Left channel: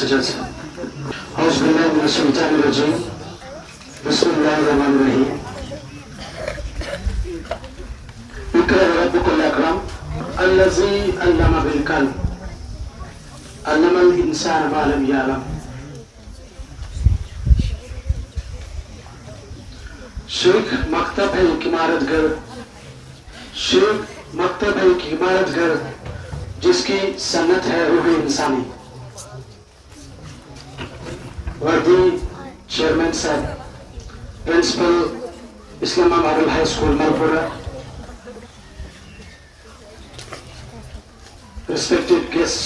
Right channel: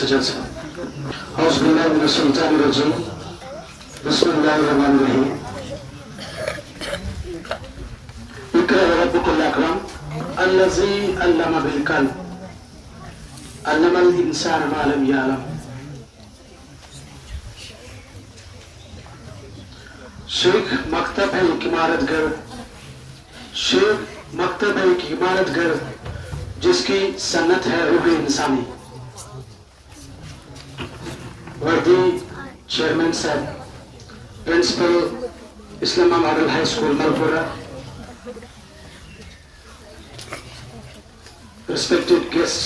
सजद से बिस्मिल्लाहिर्रहमानिर्रहीम इक़रा रब्बुकल अकरम अल्लज़ी अल्लम बिल कलम अल्लमल इंसान मा लम यअलम। शेख मकतब है एक इमारत घर, शेख मकतब है एक इमारत घर जिसकी सन्नत है रूह इंसानी। वर्दी चेयरमैन साहब, principal Islamia model high school Malpura, respected guests,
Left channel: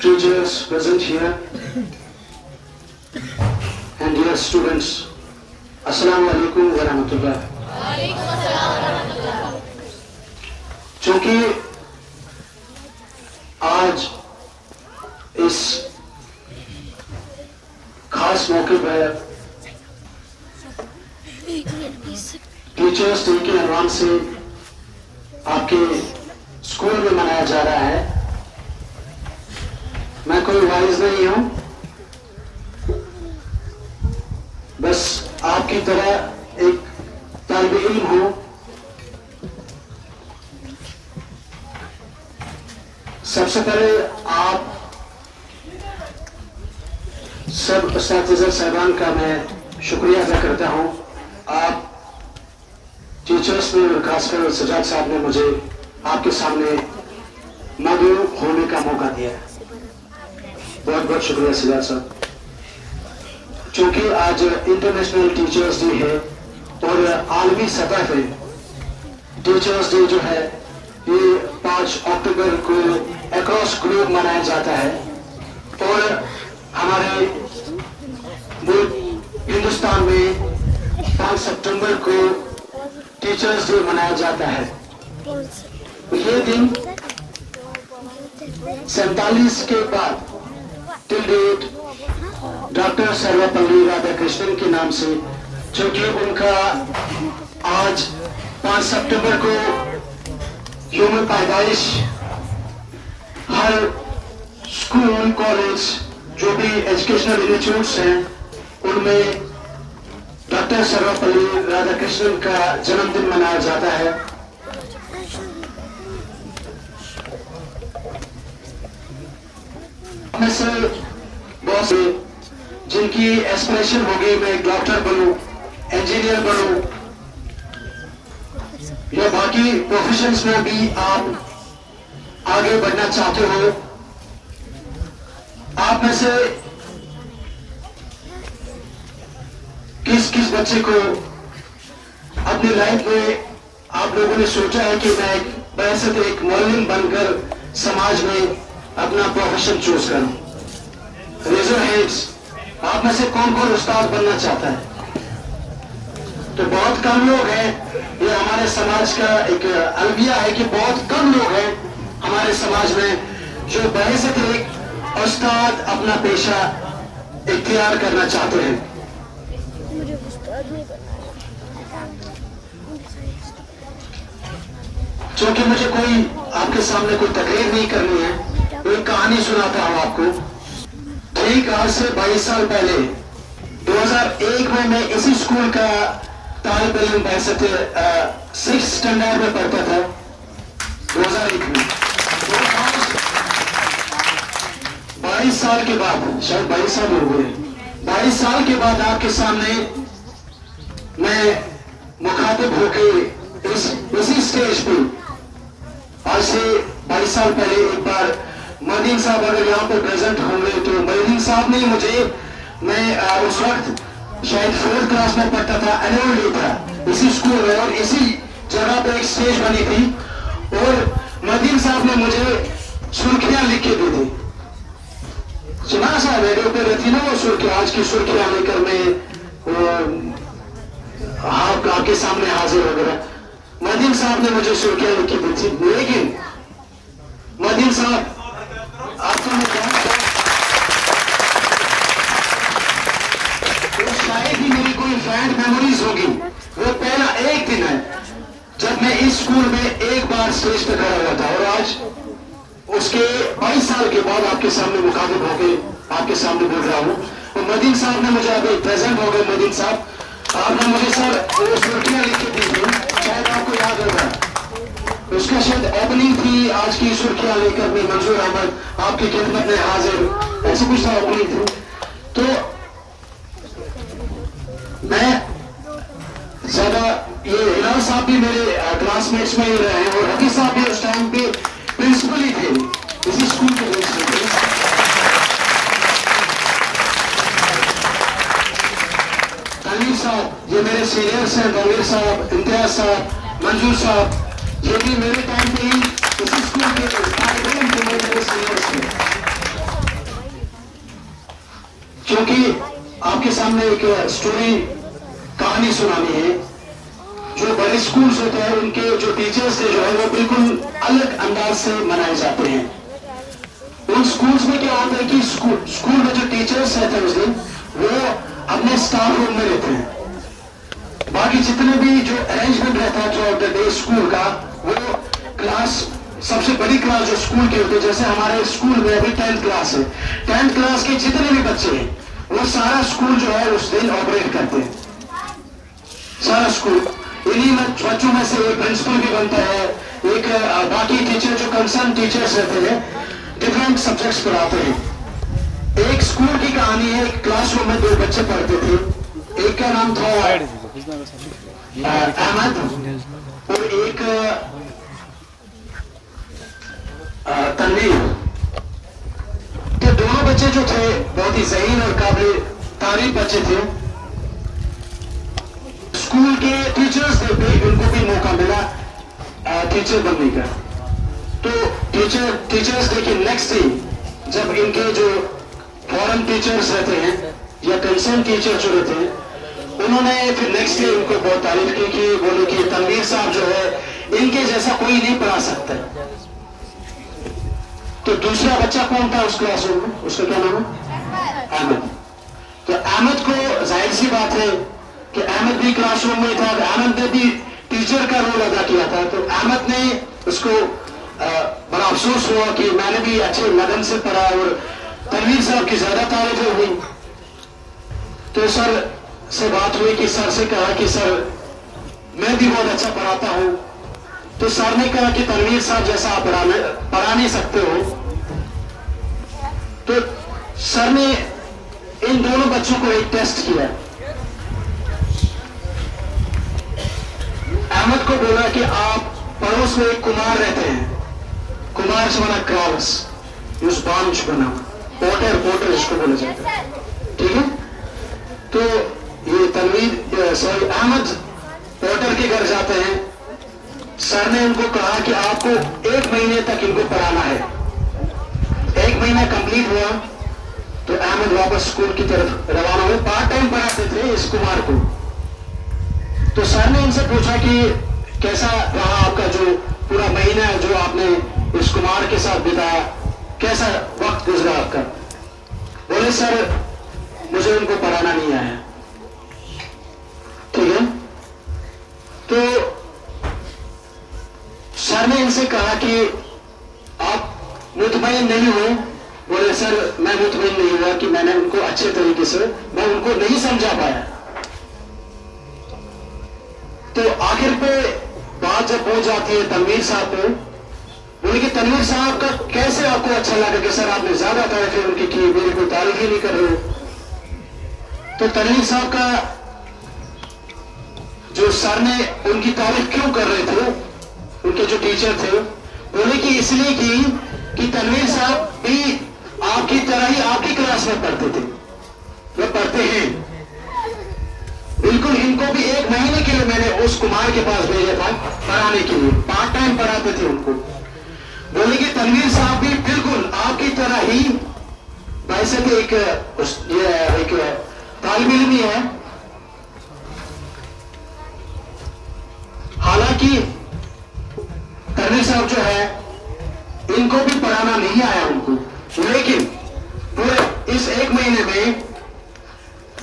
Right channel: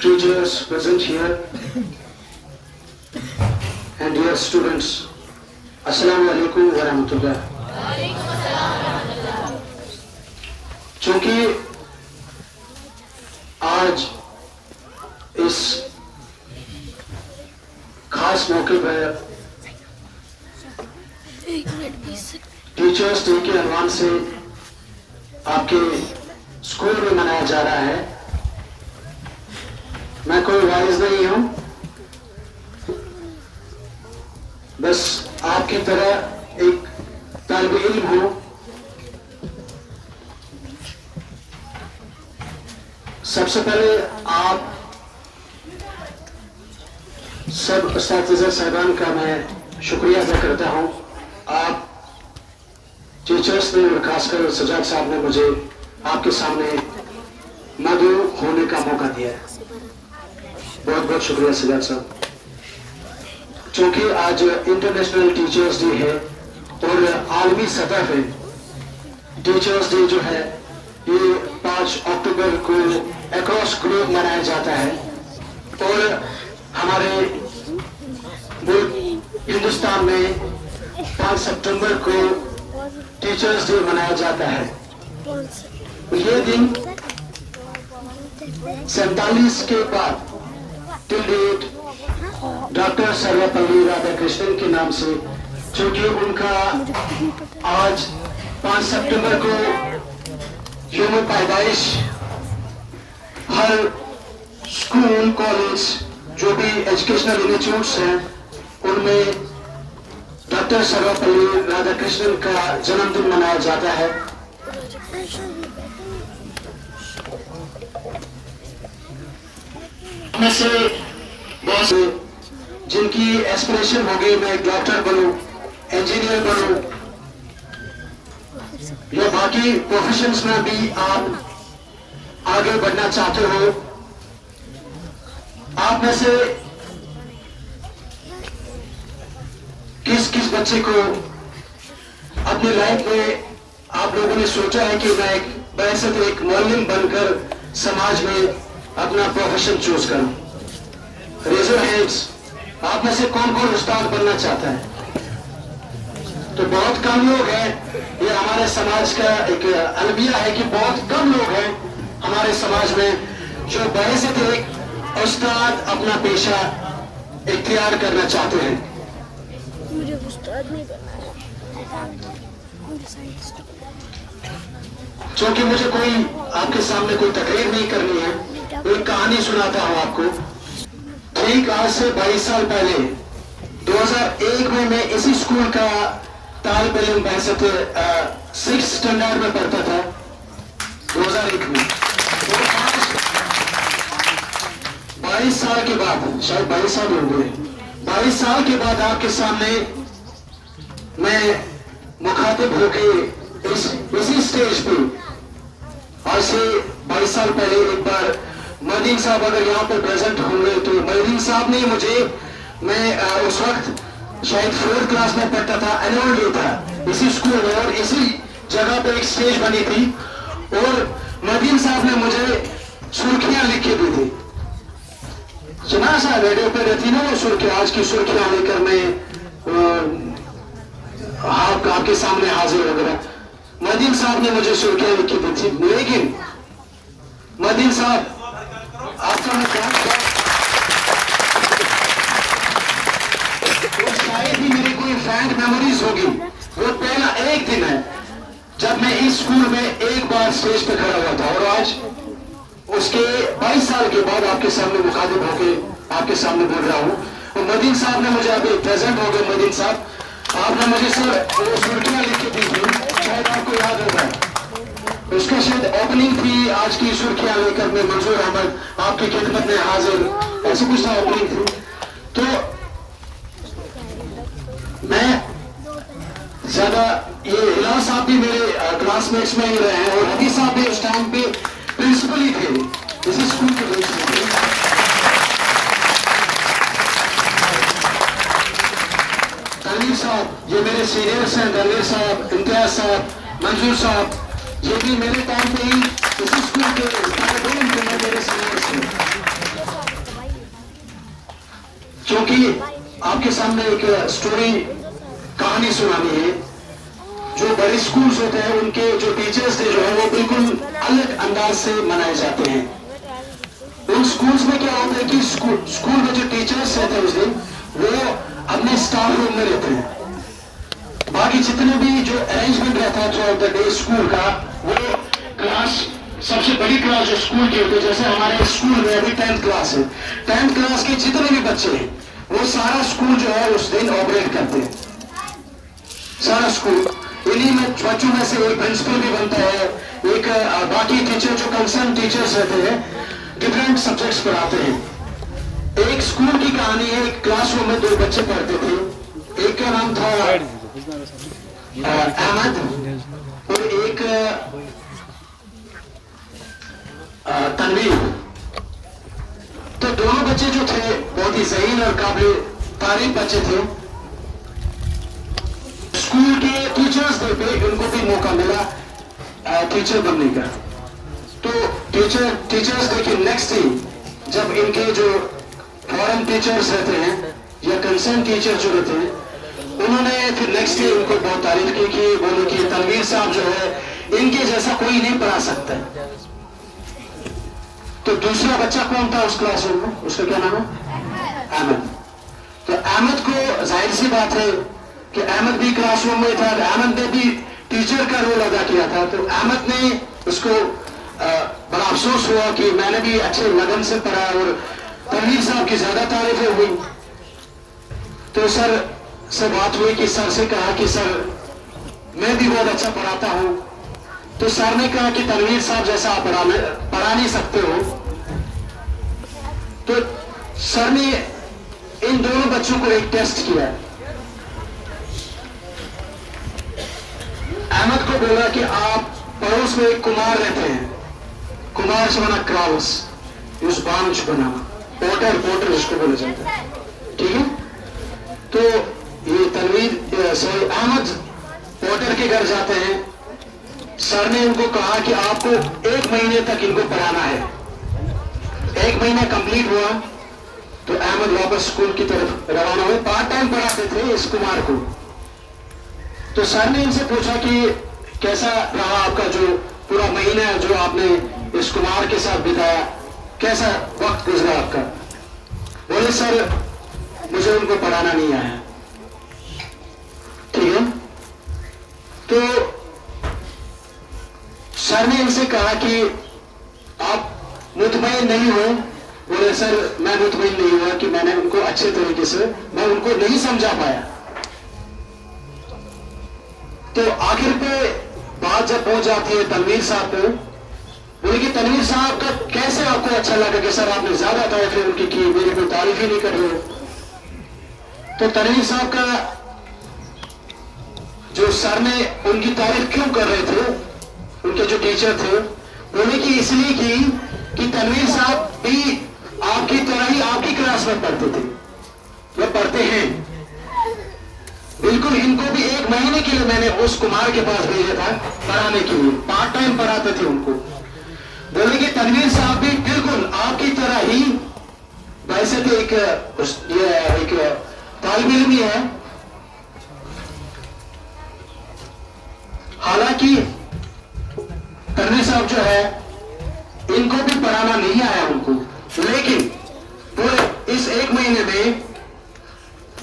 teachers present here, and dear students, अस्सलामु अलैकुम व रहमतुल्लाह। चूंकि आज इस खास मौके पर टीचर्स डे के अनवान से आपके स्कूल में मनाया जा रहा है, मैं कोई वाइज नहीं हूं, बस आपकी तरह एक तालिब इल्म हूं। सबसे पहले आप सब उस्ताद साहबान का मैं शुक्रिया अदा करता हूं। आप टीचर्स ने और खासकर सजाद साहब ने मुझे आपके सामने मदऊ होने का मौका दिया है। बहुत बहुत शुक्रिया सजाद साहब। चूंकि आज इंटरनेशनल टीचर्स डे है और आलमी सतह पे टीचर्स डे जो है ये 5 अक्टूबर को अक्रॉस ग्लोब मनाया जाता है और हमारे मुल्क हिंदुस्तान में 5 सितंबर को टीचर्स डे मनाया जाता है। ये दिन 47 के बाद till date doctor Sarvepalli Radhakrishnan के नाम से, क्योंकि उनका आज 5 सितंबर को यौम पैदाइश हर स्कूल कॉलेज जो भी एजुकेशनल इंस्टीट्यूट्स हैं उनमें डॉक्टर सर्वपल्ली राधाकृष्णन का जन्मदिन मनाया जाता है। में से बहुत से जिनकी एस्पिरेशन होगी मैं डॉक्टर बनूं, इंजीनियर बनूं या बाकी प्रोफेशंस में भी आप आगे बढ़ना चाहते हो, आप में से किस किस बच्चे को अपनी लाइफ में आप लोगों ने सोचा है कि मैं वैसे तो एक मौलिम बनकर समाज में अपना प्रोफेशन चूज करूं? Raise your hands. आप में से कौन कौन उस्ताद बनना चाहता है? तो बहुत कम लोग हैं। ये हमारे समाज का एक अलविया है कि बहुत कम लोग हैं हमारे समाज में जो वैसे तो एक उस्ताद अपना पेशा इख्तियार करना चाहते हैं। क्योंकि मुझे कोई आपके सामने कोई तकरीर नहीं करनी है, एक कहानी सुनाता हूं आपको। ठीक आज से 22 साल पहले 2001 में मैं इसी स्कूल का तालिब इल्म बहसत 6th स्टैंडर्ड में पढ़ता था 2001 में। 22 साल के बाद, शायद 22 साल हो गए, 22 साल के बाद आपके सामने मैं मुखातिब होकर इसी स्टेज पे आज से 22 साल पहले एक बार मदीन साहब अगर यहाँ पर प्रेजेंट होंगे तो मदीन साहब ने मुझे, मैं उस वक्त शायद 4th क्लास में पढ़ता था, एनुअल डे था इसी स्कूल में और इसी जगह पर एक स्टेज बनी थी और मदीन साहब ने मुझे सुर्खियां लिख के दी थी। सुना साहब रेडियो पे रहती ना वो सुर्खियां, आज की सुर्खियां लेकर मैं आपके सामने हाजिर हो गया। मदीन साहब ने मुझे सुर्खियां लिख के दी थी, लेकिन मदीन साहब आपको मैं तो शायद ही मेरी कोई फ्रेंड मेमोरीज होगी। वो पहला एक दिन है जब मैं इस स्कूल में एक बार स्टेज पे खड़ा हुआ था और आज उसके 22 साल के बाद आपके सामने मुखातिब होके आपके सामने बोल रहा हूँ। और मदीन साहब ने मुझे अभी प्रेजेंट हो गए। मदीन साहब, आपने मुझे सर वो सुर्खियां लिख के दी थी, शायद आपको याद होगा। उसका शायद ओपनिंग थी, आज की सुर्खियां लेकर में मंजूर अहमद आपकी खिदमत में हाजिर, ऐसे कुछ था ओपनिंग थी। तो मैं ज्यादा ये हिलाल साहब भी मेरे क्लासमेट्स में ही रहे हैं और हबीब साहब भी उस टाइम पे प्रिंसिपल ही थे, इसी स्कूल के प्रिंसिपल थे। तनवीर साहब ये मेरे सीनियर्स हैं, तनवीर साहब, इम्तियाज साहब, मंजूर साहब, ये भी मेरे टाइम पे ही इसी स्कूल के मेरे सीनियर्स हैं। क्योंकि आपके सामने एक स्टोरी कहानी सुनानी है। जो बड़े स्कूल्स होते हैं उनके जो टीचर्स थे जो है वो बिल्कुल अलग अंदाज से मनाए जाते हैं। उन स्कूल्स में क्या होता है कि स्कूल में जो टीचर्स रहते हैं उस दिन वो अपने स्टाफ रूम में रहते हैं। बाकी जितने भी जो अरेंजमेंट रहता है through out the day school का, वो क्लास सबसे बड़ी क्लास जो स्कूल की होती है, जैसे हमारे स्कूल में अभी 10th क्लास है, 10th क्लास के जितने भी बच्चे हैं वो सारा स्कूल जो है उस दिन ऑपरेट करते हैं, सारा स्कूल। इन्हीं में बच्चों में से एक प्रिंसिपल भी बनता है, एक बाकी टीचर जो कंसर्न टीचर्स रहते हैं डिफरेंट सब्जेक्ट्स पढ़ाते हैं। एक स्कूल की कहानी है, एक क्लासरूम में 2 बच्चे पढ़ते थे, एक का नाम था अहमद और एक तनवीर। तो दोनों बच्चे जो थे बहुत ही ज़हीन और काबिल तारीफ बच्चे थे। स्कूल के टीचर्स डे पे उनको भी मौका मिला टीचर बनने का। तो टीचर्स डे के नेक्स्ट डे जब इनके जो फॉरेन टीचर्स रहते हैं या कंसर्न टीचर जो रहते हैं, उन्होंने फिर नेक्स्ट डे उनको बहुत तारीफ की कि बोले कि तनवीर साहब जो है इनके जैसा कोई नहीं पढ़ा सकता। तो दूसरा बच्चा कौन था उस क्लासरूम में, उसका क्या नाम है? अहमद। तो अहमद को जाहिर सी बात है कि अहमद भी क्लासरूम में था, अहमद ने भी टीचर का रोल अदा किया था। तो अहमद ने उसको बड़ा अफसोस हुआ कि मैंने भी अच्छे लगन से पढ़ा और तनवीर साहब की ज्यादा तारीफें हुई। तो सर से बात हुई कि सर से कहा कि सर मैं भी बहुत अच्छा पढ़ाता हूं। तो सर ने कहा कि तनवीर साहब जैसा आप पढ़ा नहीं सकते हो। तो सर ने इन दोनों बच्चों को एक टेस्ट किया। अहमद को बोला कि आप पड़ोस में एक कुमार रहते हैं, कुमार से बना क्रॉस उस बांच बना पोटर जिसको बोला जाता है, ठीक है। तो ये तनवीर सॉरी अहमद पोटर के घर जाते हैं। सर ने इनको कहा कि आपको 1 महीने तक इनको पढ़ाना है। 1 महीना कंप्लीट हुआ तो अहमद वापस स्कूल की तरफ रवाना हुए। पार्ट टाइम पढ़ाते थे इस कुमार को। तो सर ने इनसे पूछा कि कैसा रहा आपका जो पूरा महीना जो आपने इस कुमार के साथ बिताया, कैसा वक्त गुजरा आपका? बोले सर मुझे उनको पढ़ाना नहीं आया, ठीक है। तो सर ने इनसे कहा कि आप मुतमईन नहीं हुए? बोले सर मैं मुतमईन नहीं हुआ कि मैंने उनको अच्छे तरीके से मैं उनको नहीं समझा पाया। तो आखिर पे बात जब पहुंच जाती है तनवीर साहब पे, बोले कि तनवीर साहब का कैसे आपको अच्छा लगा कि सर आपने ज्यादा तारीफें उनकी की, मेरी कोई तारीफ ही नहीं कर रहे हो। तो तनवीर साहब का जो सर ने उनकी तारीफ क्यों कर रहे थे, उनके जो टीचर थे, बोले कि इसलिए की कि तनवीर साहब भी आपकी तरह ही आपकी क्लास में पढ़ते थे, वो पढ़ते हैं बिल्कुल। इनको भी 1 महीने के लिए मैंने उस कुमार के पास भेजा था पढ़ाने के लिए, पार्ट टाइम पढ़ाते थे उनको। बोले कि तनवीर साहब भी बिल्कुल आपकी तरह ही, वैसे तो एक तालिब इल्म ही है, हालांकि तनवीर साहब जो है इनको भी पढ़ाना नहीं आया उनको, लेकिन पूरे इस 1 महीने में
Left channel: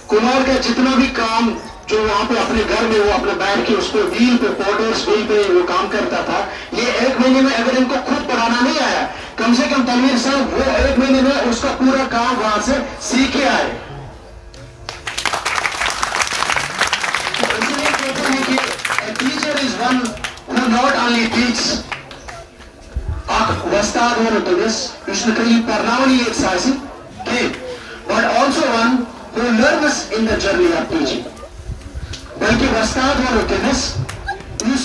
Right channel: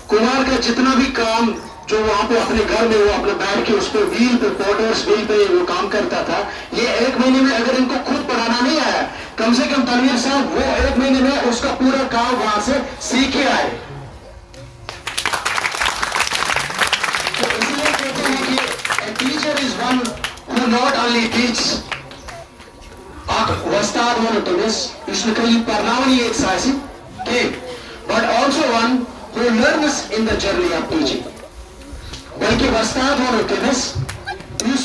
कुमार का जितना भी काम जो वहां पे अपने घर में वो अपने बैठ के उस पर व्हील पे पोटर्स व्हील पे वो काम करता था, ये 1 महीने में अगर इनको खुद पढ़ाना नहीं आया कम से कम तनवीर साहब वो 1 महीने में उसका पूरा काम वहां से सीख के आए। तो इसलिए कहते हैं कि a teacher is one who not only teaches वस्ताद वनोतुमिस इसलिए परनावनी एक साइसी के but also one who learns in the journey of teaching। बल्कि वस्ताद वनोतुमिस इस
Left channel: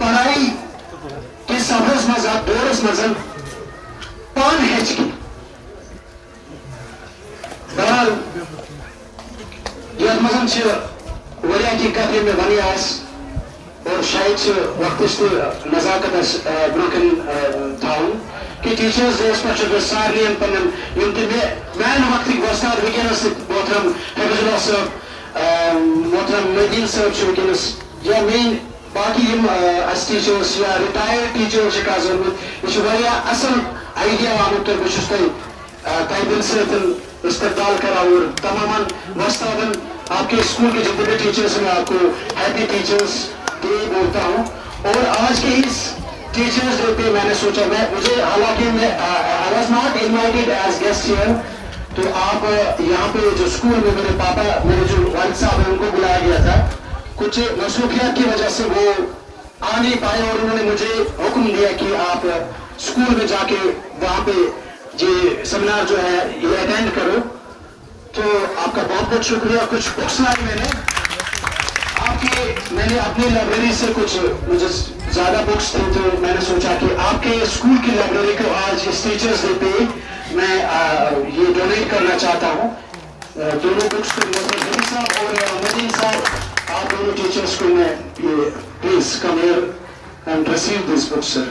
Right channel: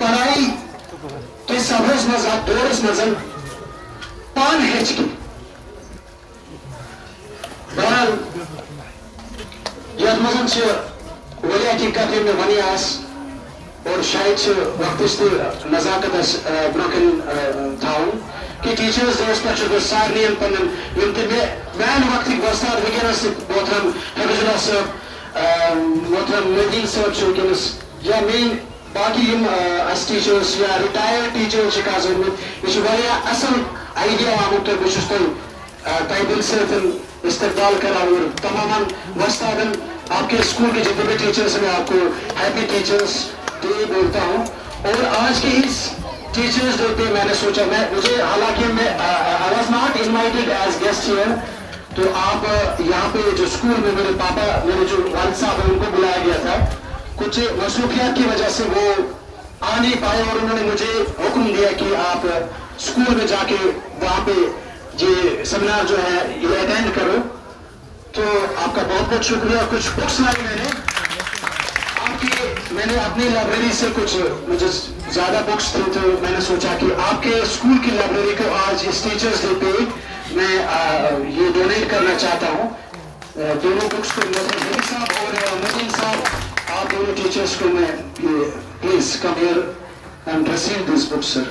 पढ़ाई के सबरस मज़ा दोरस मज़न पान हेच की बहरहाल यह मज़न से वरिया की कथी में बनी आस और शायद से वक्त से नजाकत ब्रोकन था कि टीचर्स डे स्पेशल सारनी पन्न यमति मैन वक्त वस्ताद वुनकस मोहतरम हफीजुल्लाह साहब मोहतरम मदीन साहब वुनकस या मेन बाकी अस टीचर्स या रिटायर्ड टीचर्स यह असल आइडिया आमुत तो बहुत तय दिल से इस्तकबाल करा और तमाम वस्तादन आपके स्कूल के जितने भी टीचर्स हैं आपको हैप्पी टीचर्स डे बोलता हूँ। और आज के इस टीचर्स डे पे मैंने सोचा मुझे हालांकि मैं I was not invited as guest here, तो आप यहाँ पे जो स्कूल में मेरे पापा मेरे जो वालिद साहब हैं उनको बुलाया गया था, कुछ मसरूफियत की वजह से वो आ नहीं पाए और उन्होंने मुझे हुक्म दिया कि आप स्कूल में जाके वहाँ पे ये सेमिनार जो है ये अटेंड करो। तो आपका बहुत बहुत शुक्रिया। कुछ बुक्स लाई मैंने अपनी लाइब्रेरी से कुछ मुझे ज्यादा बुक्स थी तो मैंने सोचा कि आपके स्कूल की लाइब्रेरी को आज इस टीचर्स डे पे मैं ये डोनेट करना चाहता हूँ। दोनों बुक्स को मोहम्मद साहब और मदीन साहब आप दोनों टीचर्स को मैं ये please come here and receive this book sir.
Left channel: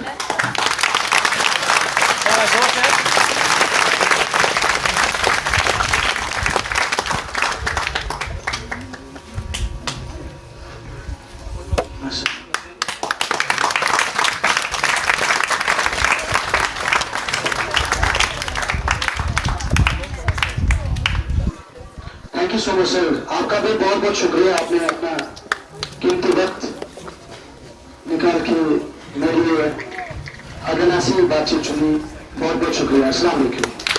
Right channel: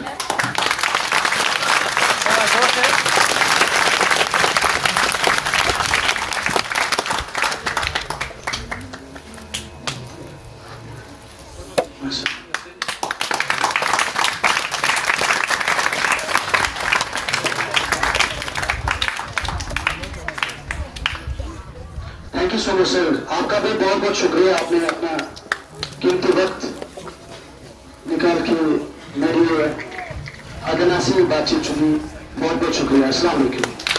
Thank you so much sir. आपका भी बहुत बहुत शुक्रिया, आपने अपना कीमती वक्त निकाल के मेरी अदना सी बातचीत सुनी, बहुत बहुत शुक्रिया। अस्सलाम वालेकुम।